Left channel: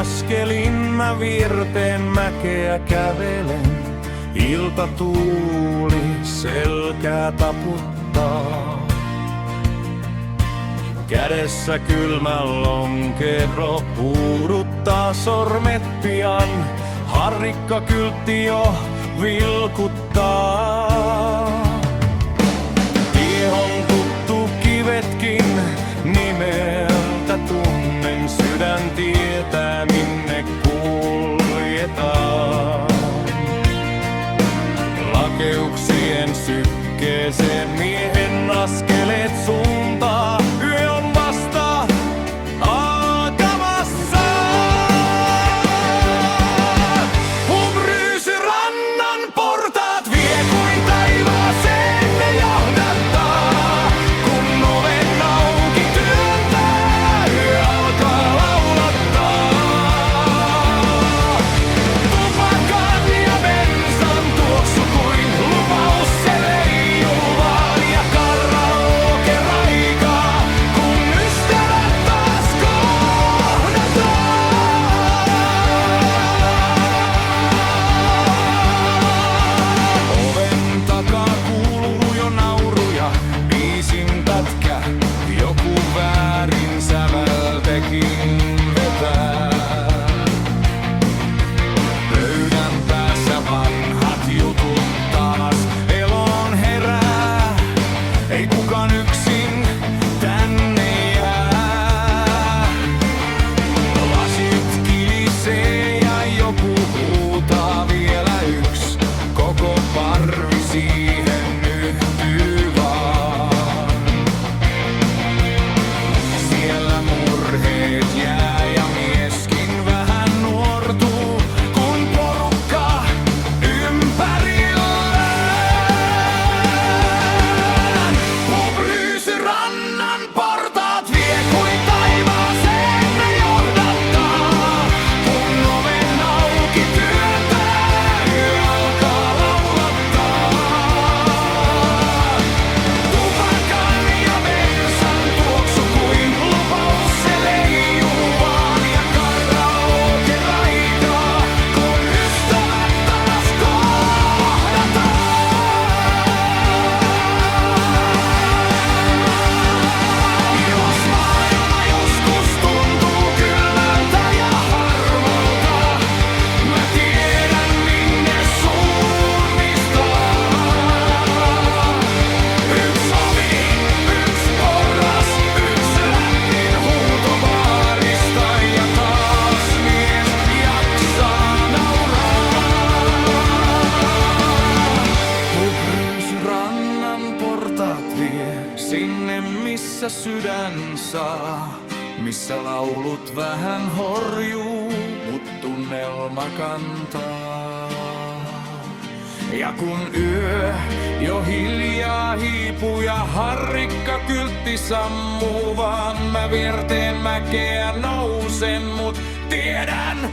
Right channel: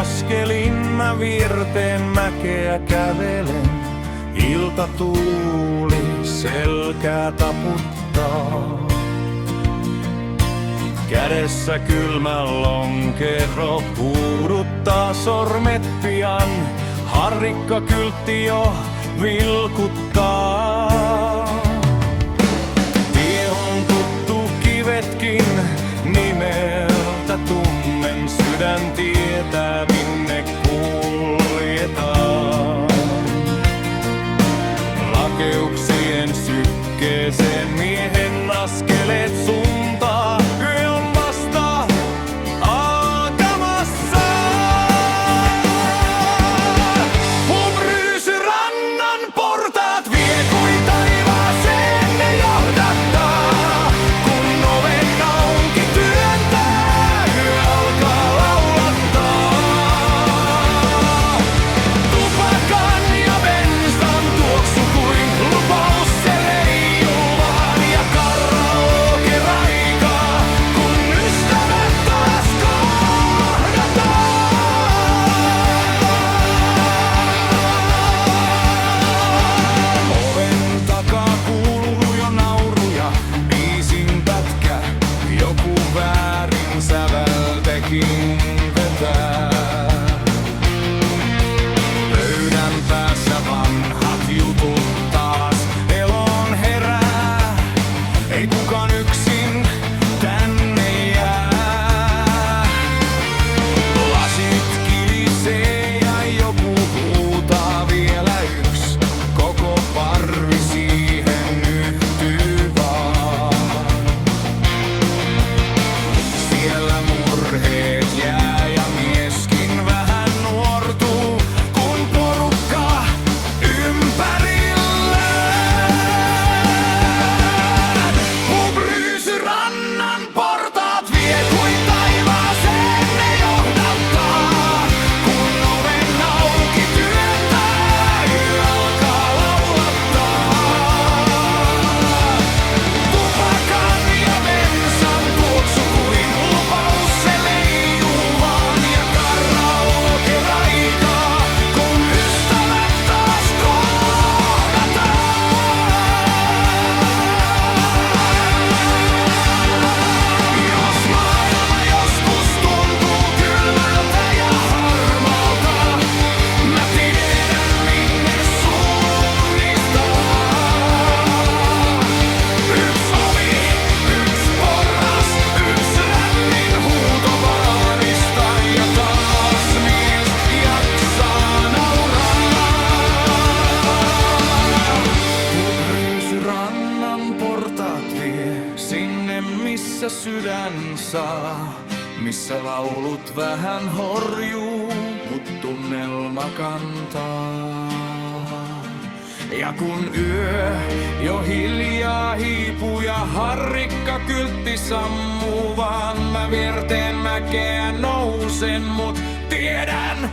askelin mä Virteen mäkeä kävelen. Iltatuuli selkää taputtaa. Kädessä kylmä lonkero puuduttaa sormet pian. Harrikkakyltti jo vilkuttaa. Tie on tuttu kivetkin, nimeltä tunnen. Sydän tietää minne kuljetaan. Lakeuksien sykkeeseen miehen askeleet suuntaa. Yö on vasta alkamassa. Hubrysyrannan portaat vie kuin taivaaseen ne johdattaa. Kun oven auki työntää, yö alkaa laulattaa. Tupakan ja bensan tuoksu kuin lupaus se leijuu vaan. Ja karaoke raikaa, kun ystävät taas kohdataan. Oven takaa kuuluu jo nauruja, biisin pätkä. Joku väärin säveltekin vetää. Pöydän päässä vanhat jutut taas eloon herää. Ei kukaan yksin tänne jää. Lasit kilisee ja joku huutaa vielä yks. Koko parvi siihen yhtyy vaan. Siellä murheet jää ja mieskin vähän nuortuu, kun porukka ympärillään. Hubrysyrannan portaat vie kuin taivaaseen ne johdattaa. Kun oven auki työntää, yö alkaa laulattaa. Tupakan ja bensan tuoksu kuin lupaus se leijuu vaan. Ja karaoke raikaa, kun ystävät taas kohdataan. Jos maailma joskus tuntuu kylmältä ja harmalta, mä tiedän minne suunnistaa. Yks ovi, yks porras, yks lämmin huuto baarista ja taas mies jaksaa nauraa. Hubrysyrannan portaat vie sinne missä sydän saa. Missä laulut vähän horjuu, mut tunnelma kantaa. Ja kun yö jo hiljaa hiipuu ja harrikkakyltti sammuu vaan, mä Virteen mäkeä nousen, mut tiedän